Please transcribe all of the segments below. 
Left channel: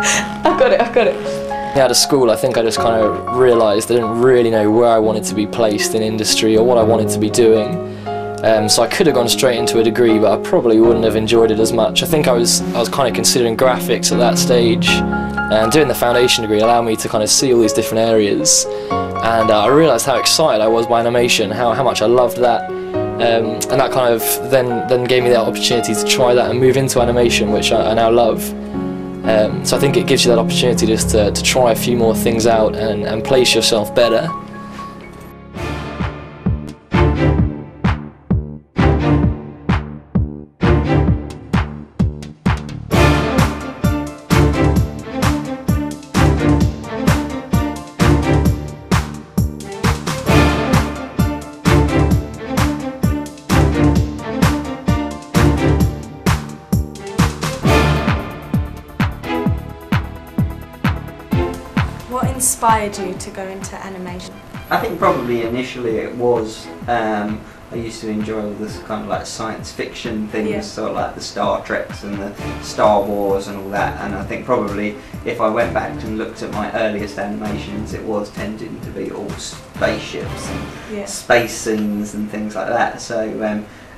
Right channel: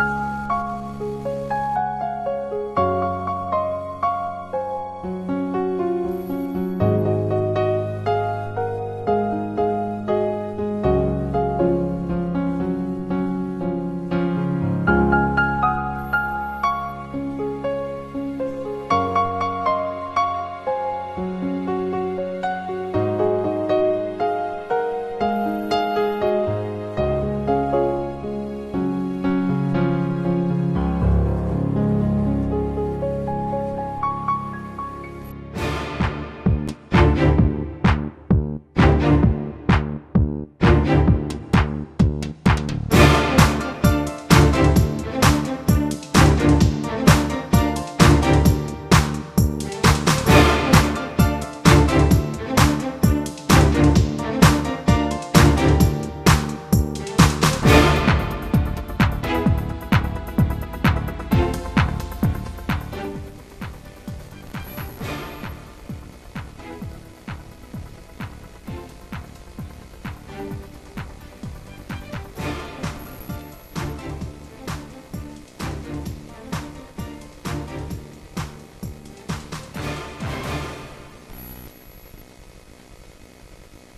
I've got it. Out of school, I think I just kind of realised I didn't really know where I wanted to be placed in industry or what I wanted to be doing. So I could have gone straight into a degree, but I probably wouldn't have enjoyed it as much. I think I was kind of considering graphics at that stage, and doing the foundation degree allowed me to kind of see all these different areas, and I realised how excited I was by animation, how much I loved that, and that kind of then gave me that opportunity to try that and move into animation, which I now love. So I think it gives you that opportunity just to try a few more things out and place yourself better. What inspired you to go into animation? I think probably initially it was, I used to enjoy all this kind of like science fiction things, Yeah. sort of like the Star Treks and the Star Wars and all that, and I think probably if I went back and looked at my earliest animations, it was tending to be all spaceships and Yeah. space scenes and things like that. So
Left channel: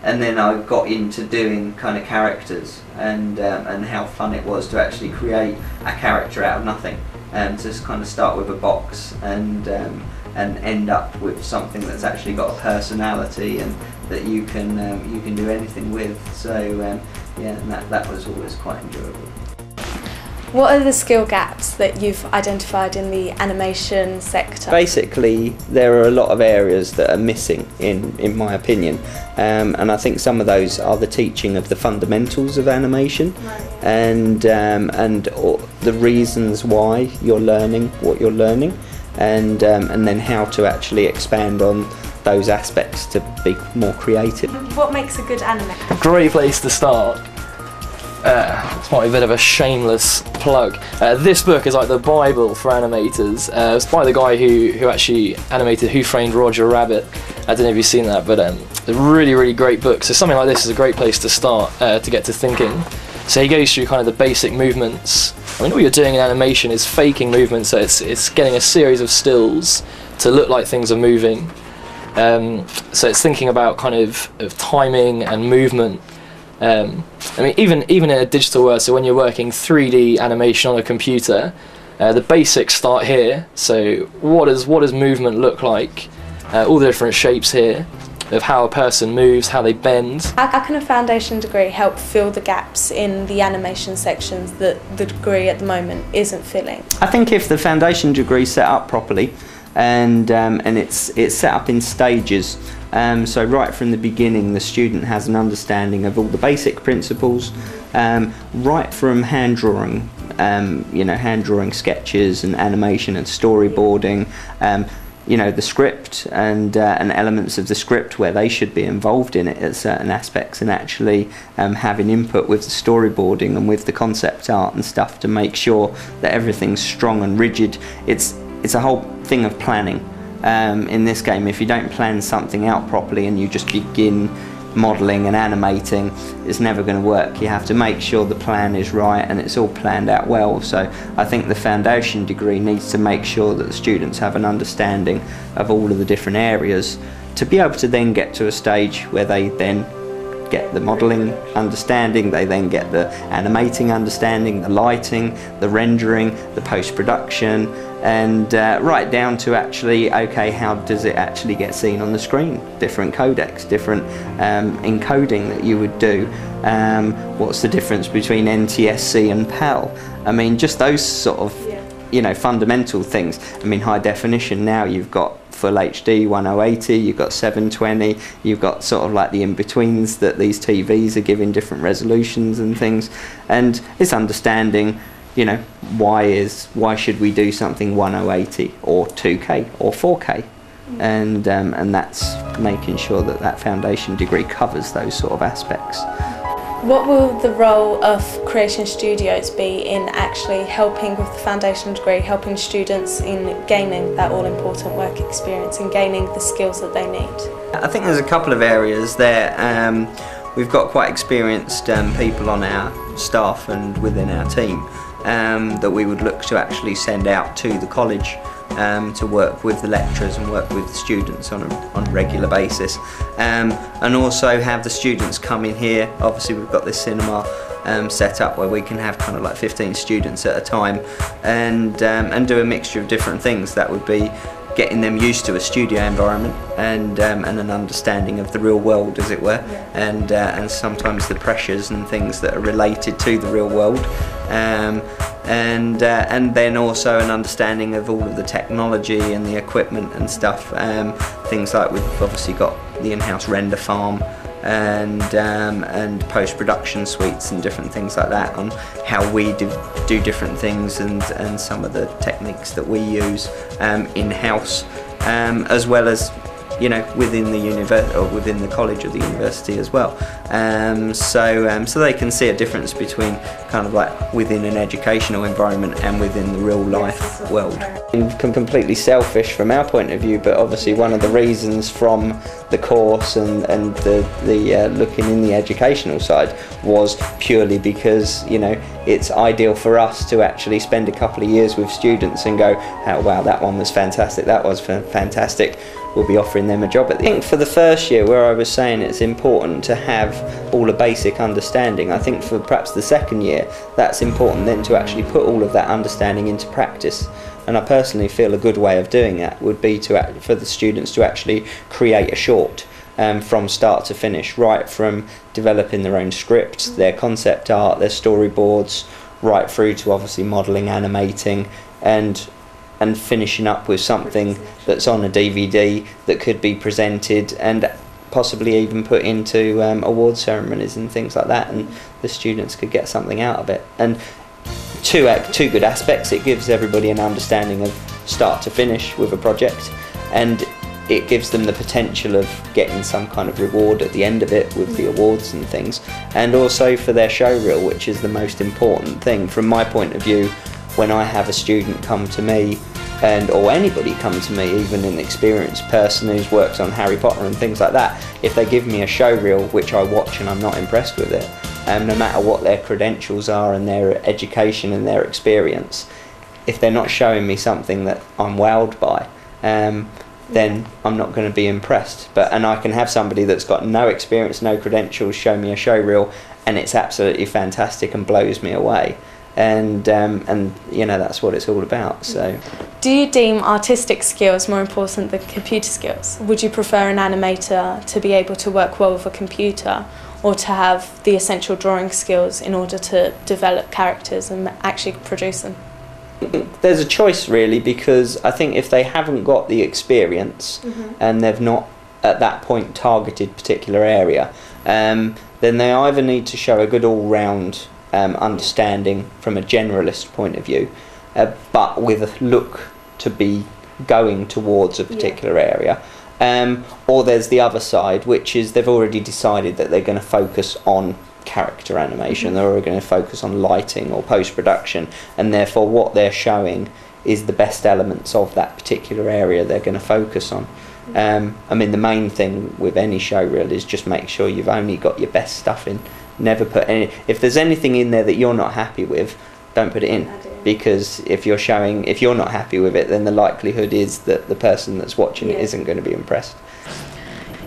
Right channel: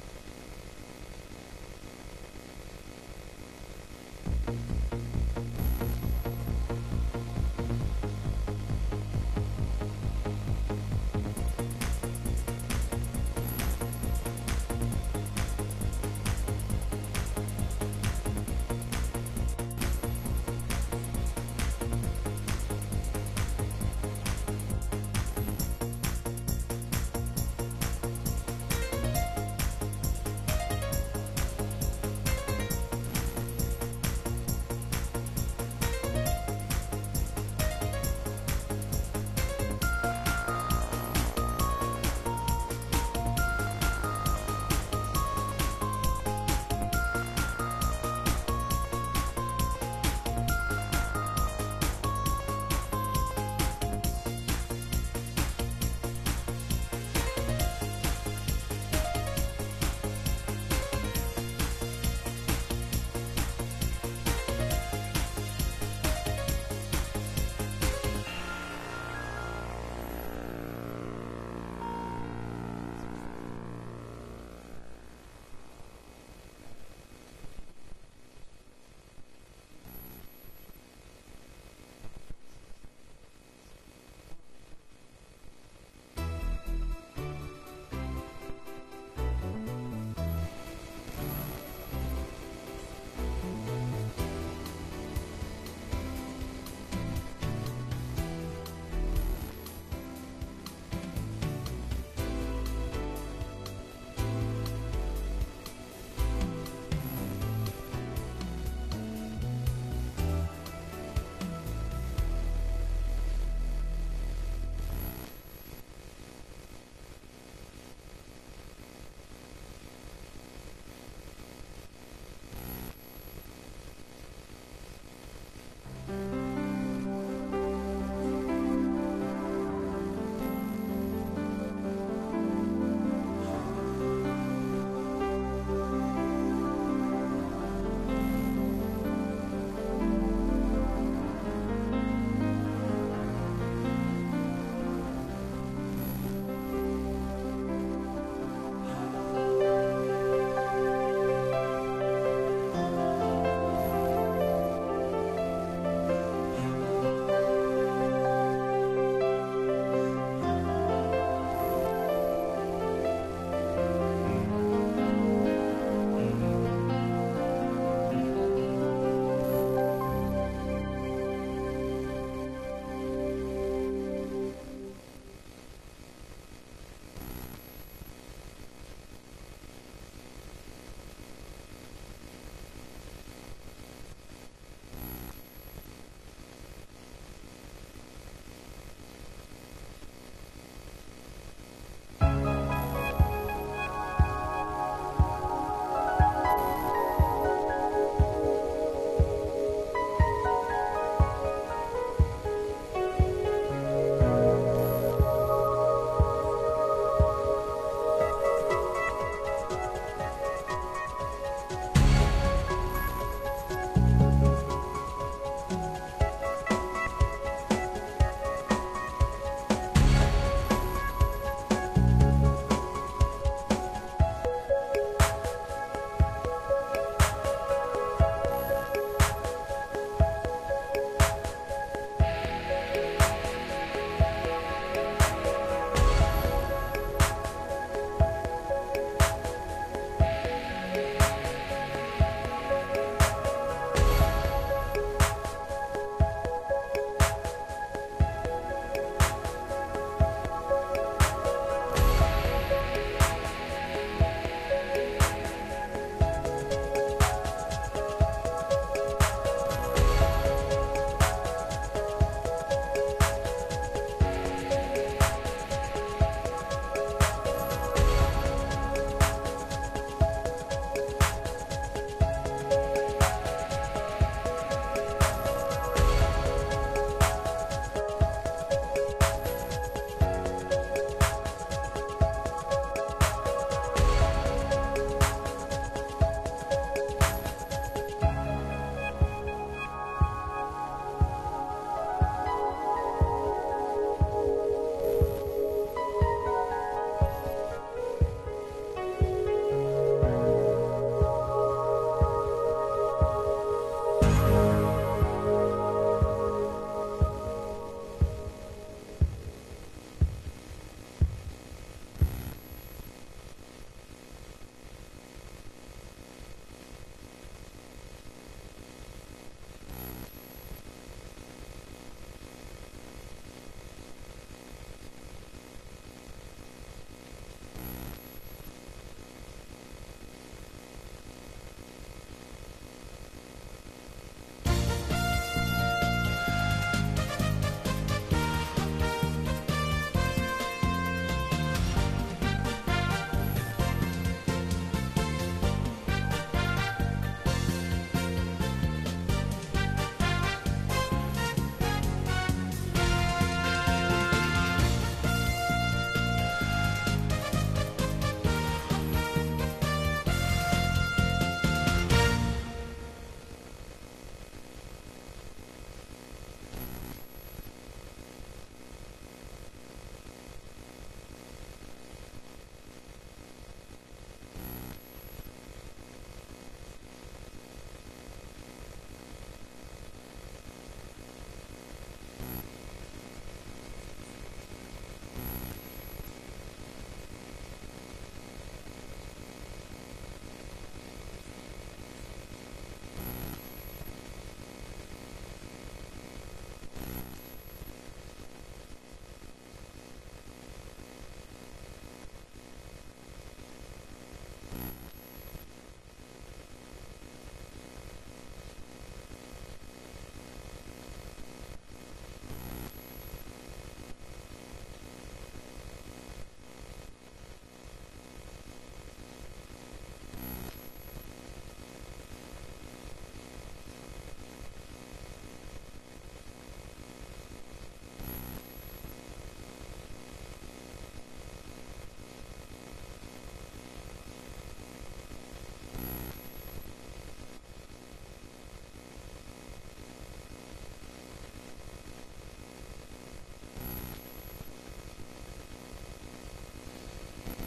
and then I got into doing kind of characters and how fun it was to actually create a character out of nothing, to just kind of start with a box and end up with something that's actually got a personality and that you can do anything with. So yeah, and that was always quite enjoyable. What are the skill gaps that you've identified in the animation sector? Basically, there are a lot of areas that are missing, in my opinion, and I think some of those are the teaching of the fundamentals of animation, and the reasons why you're learning what you're learning, and then how to actually expand on those aspects to be more creative. What makes a good animator? Great place to start. It's might be a bit of a shameless plug. This book is like the Bible for animators. It's by the guy who actually animated Who Framed Roger Rabbit. I don't know if you've seen that, but it's a really great book. So something like this is a great place to start to get to thinking. So he goes through kind of the basic movements. I mean, all you're doing in animation is faking movements, so it's getting a series of stills to look like things are moving. So it's thinking about kind of timing and movement. I mean, even in a digital world, so when you're working 3D animation on a computer, the basics start here. So what does movement look like? All the different shapes here of how a person moves, how they bend. How can a foundation degree help fill the gaps in the animation sections that the degree at the moment isn't filling? I think if the foundation degree is set up properly, and it's set up in stages. So right from the beginning, the student has an understanding of all the basic principles, right from hand drawing, hand drawing sketches and animation and storyboarding, the script and elements of the script where they should be involved in it at certain aspects, and actually having input with the storyboarding and with the concept art and stuff to make sure that everything's strong and rigid. It's a whole thing of planning. In this game, if you don't plan something out properly and you just begin modelling and animating, it's never going to work. You have to make sure the plan is right and it's all planned out well. So I think the foundation degree needs to make sure that the students have an understanding of all of the different areas to be able to then get to a stage where they then get the modelling understanding, they then get the animating understanding, the lighting, the rendering, the post-production, and right down to actually, okay, how does it actually get seen on the screen? Different codecs, different encoding that you would do. What's the difference between NTSC and PAL? I mean, just those sort of, fundamental things. I mean, high definition now, you've got Full HD 1080, you've got 720, you've got sort of like the in-betweens that these TVs are giving different resolutions and things, and it's understanding, why should we do something 1080 or 2K or 4K, and that's making sure that that foundation degree covers those sort of aspects. What will the role of Creation Studios be in actually helping with the foundation degree, helping students in gaining that all-important work experience and gaining the skills that they need? I think there's a couple of areas there. we've got quite experienced people on our staff and within our team that we would look to actually send out to the college to work with the lecturers and work with the students on a regular basis, and also have the students come in here. Obviously we've got this cinema set up where we can have kind of like 15 students at a time, and do a mixture of different things. That would be getting them used to a studio environment and an understanding of the real world, as it were, and sometimes the pressures and things that are related to the real world, and then also an understanding of all of the technology and the equipment and stuff. Things like we've obviously got the in-house render farm and post-production suites and different things like that, on how we do different things, and some of the techniques that we use in-house, as well as, you know, within the university or within the college or the university as well. So they can see a difference between kind of like within an educational environment and within the real life world. Completely selfish from our point of view, but obviously one of the reasons from the course and the looking in the educational side was purely because, you know, it's ideal for us to actually spend a couple of years with students and go, oh wow, that one was fantastic, that was fantastic. We'll be offering them a job. I think for the first year, where I was saying it's important to have all a basic understanding, I think for perhaps the second year, that's important then to actually put all of that understanding into practice. And I personally feel a good way of doing that would be for the students to actually create a short from start to finish, right from developing their own scripts, their concept art, their storyboards, right through to obviously modelling, animating, and finishing up with something that's on a DVD that could be presented and possibly even put into award ceremonies and things like that, and the students could get something out of it. And two good aspects: it gives everybody an understanding of start to finish with a project, and it gives them the potential of getting some kind of reward at the end of it with the awards and things, and also for their show reel, which is the most important thing from my point of view. When I have a student come to me, or anybody come to me, even an experienced person who's worked on Harry Potter and things like that, if they give me a show reel which I watch and I'm not impressed with it, no matter what their credentials are and their education and their experience, if they're not showing me something that I'm wowed by, then I'm not going to be impressed. And I can have somebody that's got no experience, no credentials, show me a show reel, and it's absolutely fantastic and blows me away. And you know, that's what it's all about. So, do you deem artistic skills more important than computer skills? Would you prefer an animator to be able to work well with a computer, or to have the essential drawing skills in order to develop characters and actually produce them? There's a choice really, because I think if they haven't got the experience and they've not at that point targeted particular area, then they either need to show a good all-round understanding from a generalist point of view, but with a look to be going towards a particular area, or there's the other side, which is they've already decided that they're going to focus on character animation, they're going to focus on lighting or post-production, and therefore what they're showing is the best elements of that particular area they're going to focus on. I mean, the main thing with any show reel is just make sure you've only got your best stuff in. Never put any. If there's anything in there that you're not happy with, don't put it in, because if you're not happy with it, then the likelihood is that the person that's watching it isn't going to be impressed.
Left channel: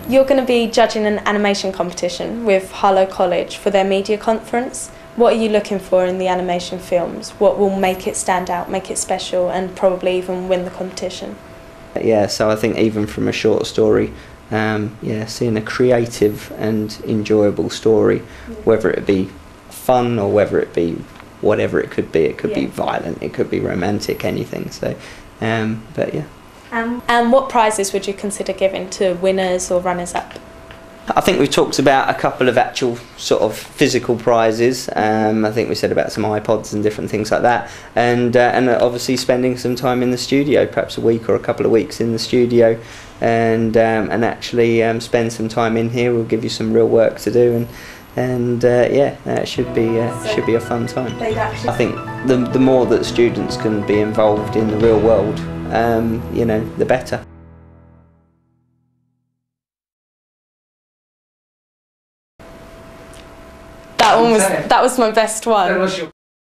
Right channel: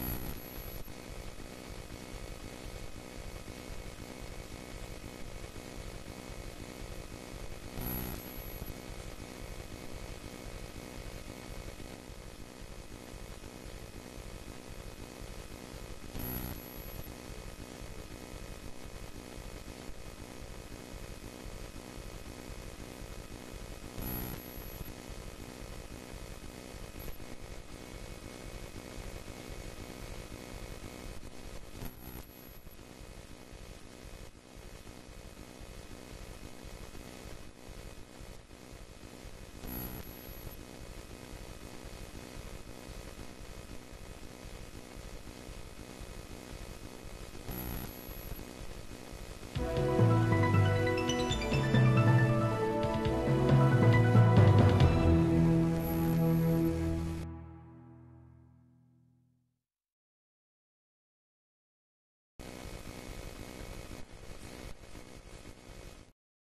You're going to be judging an animation competition with Harlow College for their media conference. What are you looking for in the animation films? What will make it stand out, make it special, and probably even win the competition? Yeah, so I think even from a short story, seeing a creative and enjoyable story, whether it be fun or whether it be whatever it could be violent, it could be romantic, anything. So, but yeah. And what prizes would you consider giving to winners or runners-up? I think we've talked about a couple of actual sort of physical prizes. I think we said about some iPods and different things like that, and obviously spending some time in the studio, perhaps a week or a couple of weeks in the studio, and actually spend some time in here. We'll give you some real work to do, and it should be a fun time. I think the more that students can be involved in the real world, the better. was my best one.